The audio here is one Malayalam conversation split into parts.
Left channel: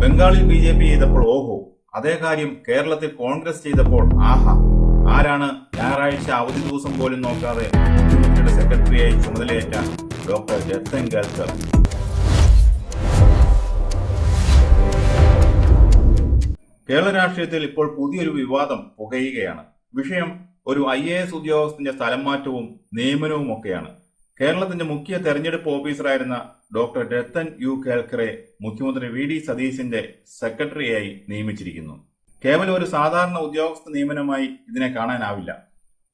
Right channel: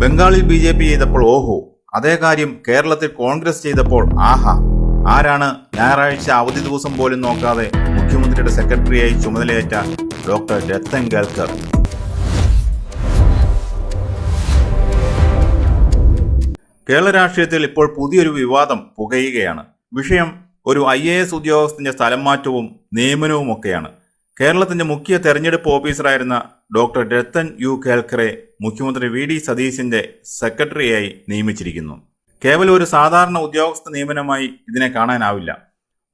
ബംഗാളിൽ BJP ചെയ്തപ്പോൾ ഓഹോ, അതേ കാര്യം കേരളത്തിൽ കോൺഗ്രസ് ചെയ്തപ്പോൾ ആഹാ. ആരാണ് ഞായറാഴ്ച അവധി ദിവസം പോലും നോക്കാതെ മുഖ്യമന്ത്രിയുടെ സെക്രട്ടറിയായി ചുമതലയേറ്റ ഡോക്ടർ രത്തൻ കേൽക്കർ? കേരള രാഷ്ട്രീയത്തിൽ ഇപ്പോൾ പുതിയൊരു വിവാദം പുകയുകയാണ്. വിഷയം ഒരു IAS ഉദ്യോഗസ്ഥന്റെ സ്ഥലം മാറ്റവും നിയമനവുമൊക്കെയാണ്. കേരളത്തിന്റെ മുഖ്യ തെരഞ്ഞെടുപ്പ് ഓഫീസറായിരുന്ന ഡോക്ടർ രത്തൻ കേൽക്കറെ മുഖ്യമന്ത്രി VD സതീശന്റെ സെക്രട്ടറിയായി നിയമിച്ചിരിക്കുന്നു. കേവലം ഒരു സാധാരണ ഉദ്യോഗസ്ഥ നിയമനമായി ഇതിനെ കാണാനാവില്ല.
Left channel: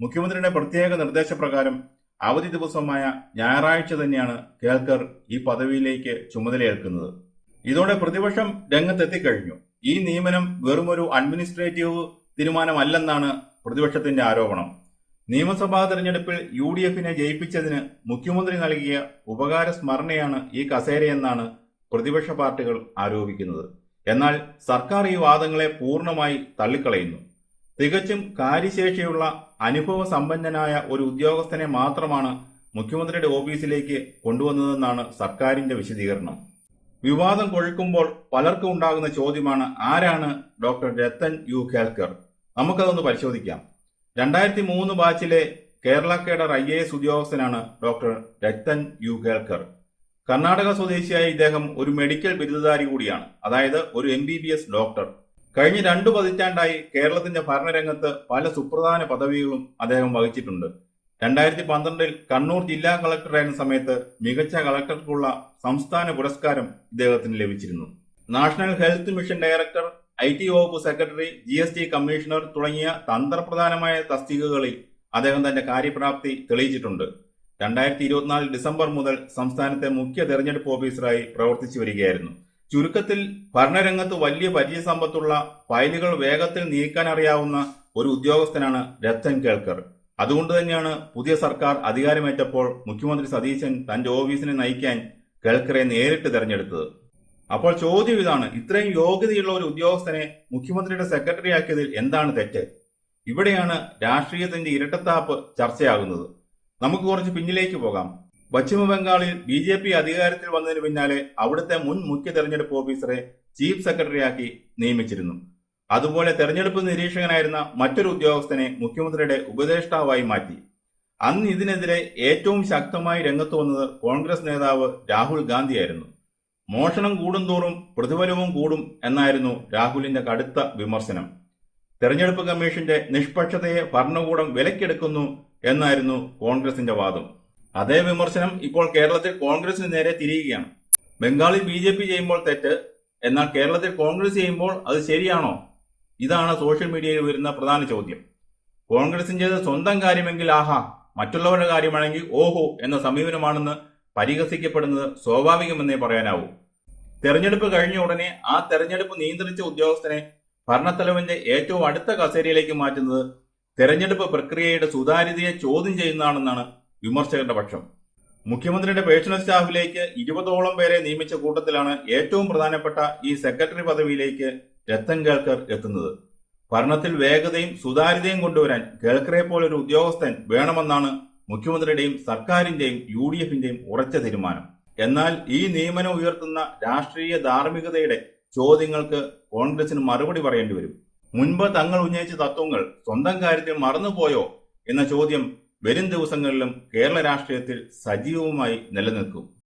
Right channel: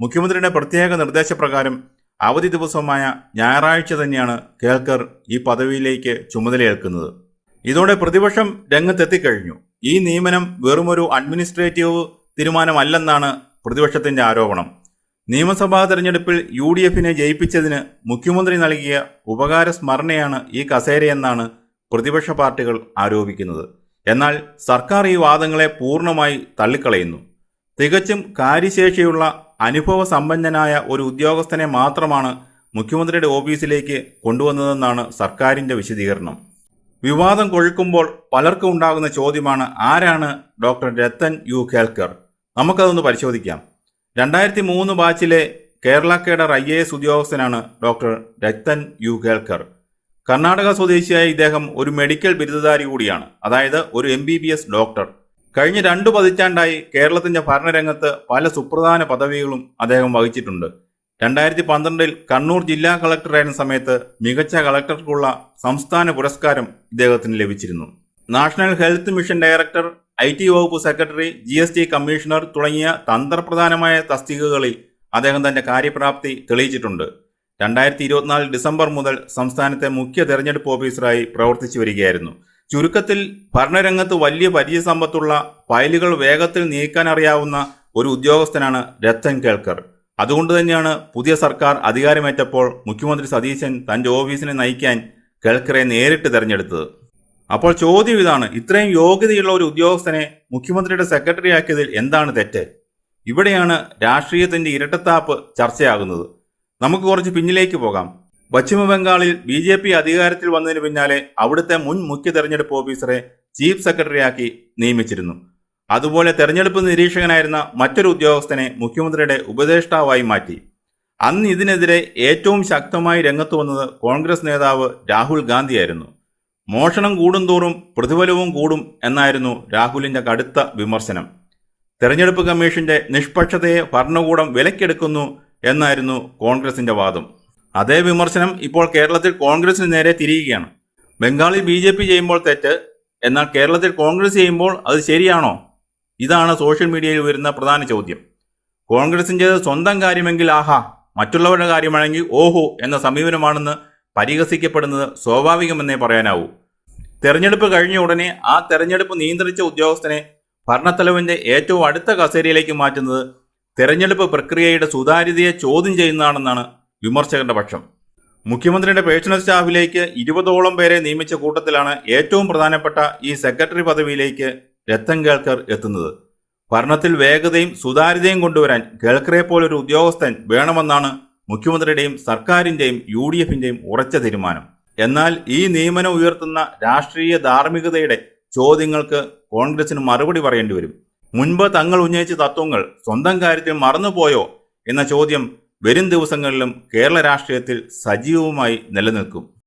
മുഖ്യമന്ത്രിയുടെ പ്രത്യേക നിർദ്ദേശപ്രകാരം അവധി ദിവസമായ ഞായറാഴ്ച തന്നെയാണ് കേൽക്കർ ഈ പദവിയിലേക്ക് ചുമതലയേൽക്കുന്നത്. ഇതോടെ പ്രതിപക്ഷം രംഗത്തെത്തിക്കഴിഞ്ഞു. ഈ നിയമനം വെറുമൊരു അഡ്മിനിസ്ട്രേറ്റീവ് തീരുമാനമല്ലെന്നാണ് പ്രതിപക്ഷത്തിന്റെ ആരോപണം. നിയമസഭാ തെരഞ്ഞെടുപ്പിൽ UDFനെ ജയിപ്പിച്ചതിന് മുഖ്യമന്ത്രി നൽകിയ ഉപകാര സ്മരണയാണ് ഈ കസേരയെന്നാണ് പ്രതിപക്ഷ പാർട്ടികൾ ആരോപിക്കുന്നത്. എന്നാൽ സർക്കാർ ഈ വാദങ്ങളെ പൂർണ്ണമായി തള്ളിക്കളയുന്നു. തികച്ചും കാര്യശേഷിയുള്ള അനുഭവ സമ്പന്നനായ ഒരു ഉദ്യോഗസ്ഥനെ മാത്രമാണ് മുഖ്യമന്ത്രിയുടെ ഓഫീസിലേക്ക് കൊണ്ടുവന്നതെന്നാണ് സർക്കാരിന്റെ വിശദീകരണം. വിവാദം കൊഴുക്കുമ്പോൾ പലർക്കും ഉണ്ടാകുന്ന ചോദ്യമാണ്, ആരാണ് ഡോക്ടർ രത്തൻ കേൽക്കർ? നമുക്കതൊന്ന് പരിശോധിക്കാം. 2003 ബാച്ചിലെ കേരള കേഡർ IAS ഉദ്യോഗസ്ഥനാണ് ഡോക്ടർ രത്തൻ കേൽക്കർ. കർണാടക സ്വദേശിയായ ഇദ്ദേഹം ഒരു മെഡിക്കൽ ബിരുദധാരി കൂടിയാണ്, അതായത് ഒരു MBBS ഡോക്ടർ. കഴിഞ്ഞ 2 പതിറ്റാണ്ടായി കേരളത്തിന്റെ ഭരണരംഗത്ത് പല സുപ്രധാന പദവികളും അദ്ദേഹം വഹിച്ചിട്ടുണ്ട്. 2012 കണ്ണൂർ ജില്ലാ കളക്ടറായിരുന്ന സമയത്ത് മികച്ച കളക്ടർക്കുള്ള സംസ്ഥാന പുരസ്കാരം ഇദ്ദേഹത്തിന് ലഭിച്ചിരുന്നു. National health mission director, IT വകുപ്പ് സെക്രട്ടറി, GST കമ്മീഷണർ തുടങ്ങിയ തന്ത്രപ്രധാനമായ തസ്തികകളിൽ അദ്ദേഹം തന്റെ കാര്യപ്രാപ്തി തെളിയിച്ചിട്ടുണ്ട്. 2024 ഡിസംബർ മുതൽ സംസ്ഥാനത്തെ മുഖ്യ തെരഞ്ഞെടുപ്പ് ഓഫീസറായി പ്രവർത്തിച്ചു വരികയായിരുന്നു. ചുരുക്കത്തിൽ ഭരണരംഗത്ത് വലിയ പരിചയസമ്പത്തുള്ള, ഫയലുകൾ വേഗത്തിൽ നീക്കാൻ അറിയാവുന്ന ഒരു ഉദ്യോഗസ്ഥനാണ് രത്തൻ കേൽക്കർ. അതുകൊണ്ട് തന്നെയാണ് പുതിയ സർക്കാർ അധികാരമേറ്റപ്പോൾ മുഖ്യമന്ത്രി സതീശൻ തന്റെ ഓഫീസിനെ നയിക്കാൻ കേൽക്കറെ നേരിട്ട് തെരഞ്ഞെടുത്തത്. അപ്പോൾ ചോദ്യം ഇതാണ്, ഇത്രയും യോഗ്യതയുള്ള ഒരു ഉദ്യോഗസ്ഥനെ മുഖ്യമന്ത്രിയുടെ സെക്രട്ടറി ആക്കിയതിൽ എന്താണ് തെറ്റ്? ഇവിടെയാണ് രാഷ്ട്രീയത്തിന്റെ ഇരട്ടത്താപ്പ് ചർച്ചയാകുന്നത്. നമുക്ക് കുറച്ച് പിന്നിലേക്ക് പോകാം. പശ്ചിമ ബംഗാളിൽ BJP അധികാരത്തിൽ വന്നതിന് പിന്നാലെ അവിടുത്തെ മുൻ മുഖ്യ തെരഞ്ഞെടുപ്പ് ഓഫീസറെ ചീഫ് സെക്രട്ടറിയാക്കി നിയമിച്ചിരുന്നു. അതുപോലെ തെരഞ്ഞെടുപ്പ് നിരീക്ഷകനായിരുന്ന മറ്റൊരു ഉദ്യോഗസ്ഥനെ മുഖ്യമന്ത്രിയുടെ ഉപദേഷ്ടാവായി മാറ്റി. അന്ന് ഇതിനെതിരെ ഏറ്റവും ശക്തമായി രംഗത്ത് വന്നത് കോൺഗ്രസ് നേതാവ് രാഹുൽ ഗാന്ധിയായിരുന്നു. മോഷണം കൂടുന്തോറും പ്രതിഫലവും കൂടും എന്നായിരുന്നു രാഹുലിന്റെ കടുത്ത വിമർശനം. തെരഞ്ഞെടുപ്പ് കമ്മീഷന്റെ നിഷ്പക്ഷതയെ ഭരണകൂടം വിലക്കെടുക്കുന്നു എന്നായിരുന്നു കോൺഗ്രസിന്റെ വാദം. അതേ വിമർശനം ഇപ്പോൾ കേരളത്തിൽ കോൺഗ്രസിന് നേരെ തിരിയുകയാണ്. ബംഗാളിൽ BJP ചെയ്യുമ്പോൾ തെറ്റ്, എന്നാൽ കേരളത്തിൽ കോൺഗ്രസ് ചെയ്യുമ്പോൾ അത് ശരിയാണോ? ഇതാണ് സോഷ്യൽ മീഡിയയിൽ വരുന്ന പ്രധാന ചോദ്യം. കോൺഗ്രസിൻ്റെ സ്വന്തം കാര്യമെങ്കിൽ ആഹാ, മറ്റുള്ളവരുടെ കാര്യമാണെങ്കിൽ ഓഹോ എന്ന സമീപനമാണെന്ന് പരിഹസിക്കപ്പെടുന്നത് സ്വാഭാവികമെന്നേ പറയാനാവൂ. തെരഞ്ഞെടുപ്പ് കഴിഞ്ഞ ഉടനെ ആ തെരഞ്ഞെടുപ്പ് നിയന്ത്രിച്ച ഉദ്യോഗസ്ഥനെ ഭരണത്തലവന്റെ ഏറ്റവും അടുത്ത കസേരയിലേക്ക് മാറ്റുന്നത് തെരഞ്ഞെടുപ്പ് പ്രക്രിയയുടെ സുതാര്യതയെ ചോദ്യം ചെയ്യുന്നതാണെന്നാണ് വിമർശകരുടെ പക്ഷം. മുഖ്യമന്ത്രിയുടെ പേഴ്സണൽ സ്റ്റാഫിലേക്ക് 20ഓളം പേരെ നിയമിച്ച കൂട്ടത്തിലാണ് ഏറ്റവും പ്രധാനപ്പെട്ട ഈ സെക്രട്ടറി പദവിയിലേക്ക് രത്തൻ കേൽക്കർ എത്തുന്നത്. ഭരണത്തിൽ വേഗതയും സുതാര്യതയും കൊണ്ടുവരാൻ കേൽക്കറെ പോലൊരു ഉദ്യോഗസ്ഥൻ വേണമെന്നാണ് മുഖ്യമന്ത്രിയുടെയും സർക്കാരിന്റെയും UDFന്റെയും ഉറച്ച തീരുമാനം. എന്നാൽ ഈ നിയമനം ഉയർത്തുന്ന രാഷ്ട്രീയ ധാർമ്മികതയുടെ ചോദ്യങ്ങൾക്ക് കോൺഗ്രസിന് മറുപടി പറയേണ്ടി വരും. മുൻപ് തങ്ങൾ ഉന്നയിച്ച തത്വങ്ങൾ സ്വന്തം കാര്യത്തിൽ മറന്നുപോയോ എന്ന ചോദ്യം വരും ദിവസങ്ങളിലും കേരള രാഷ്ട്രീയത്തിൽ സജീവമായി നിലനിൽക്കും.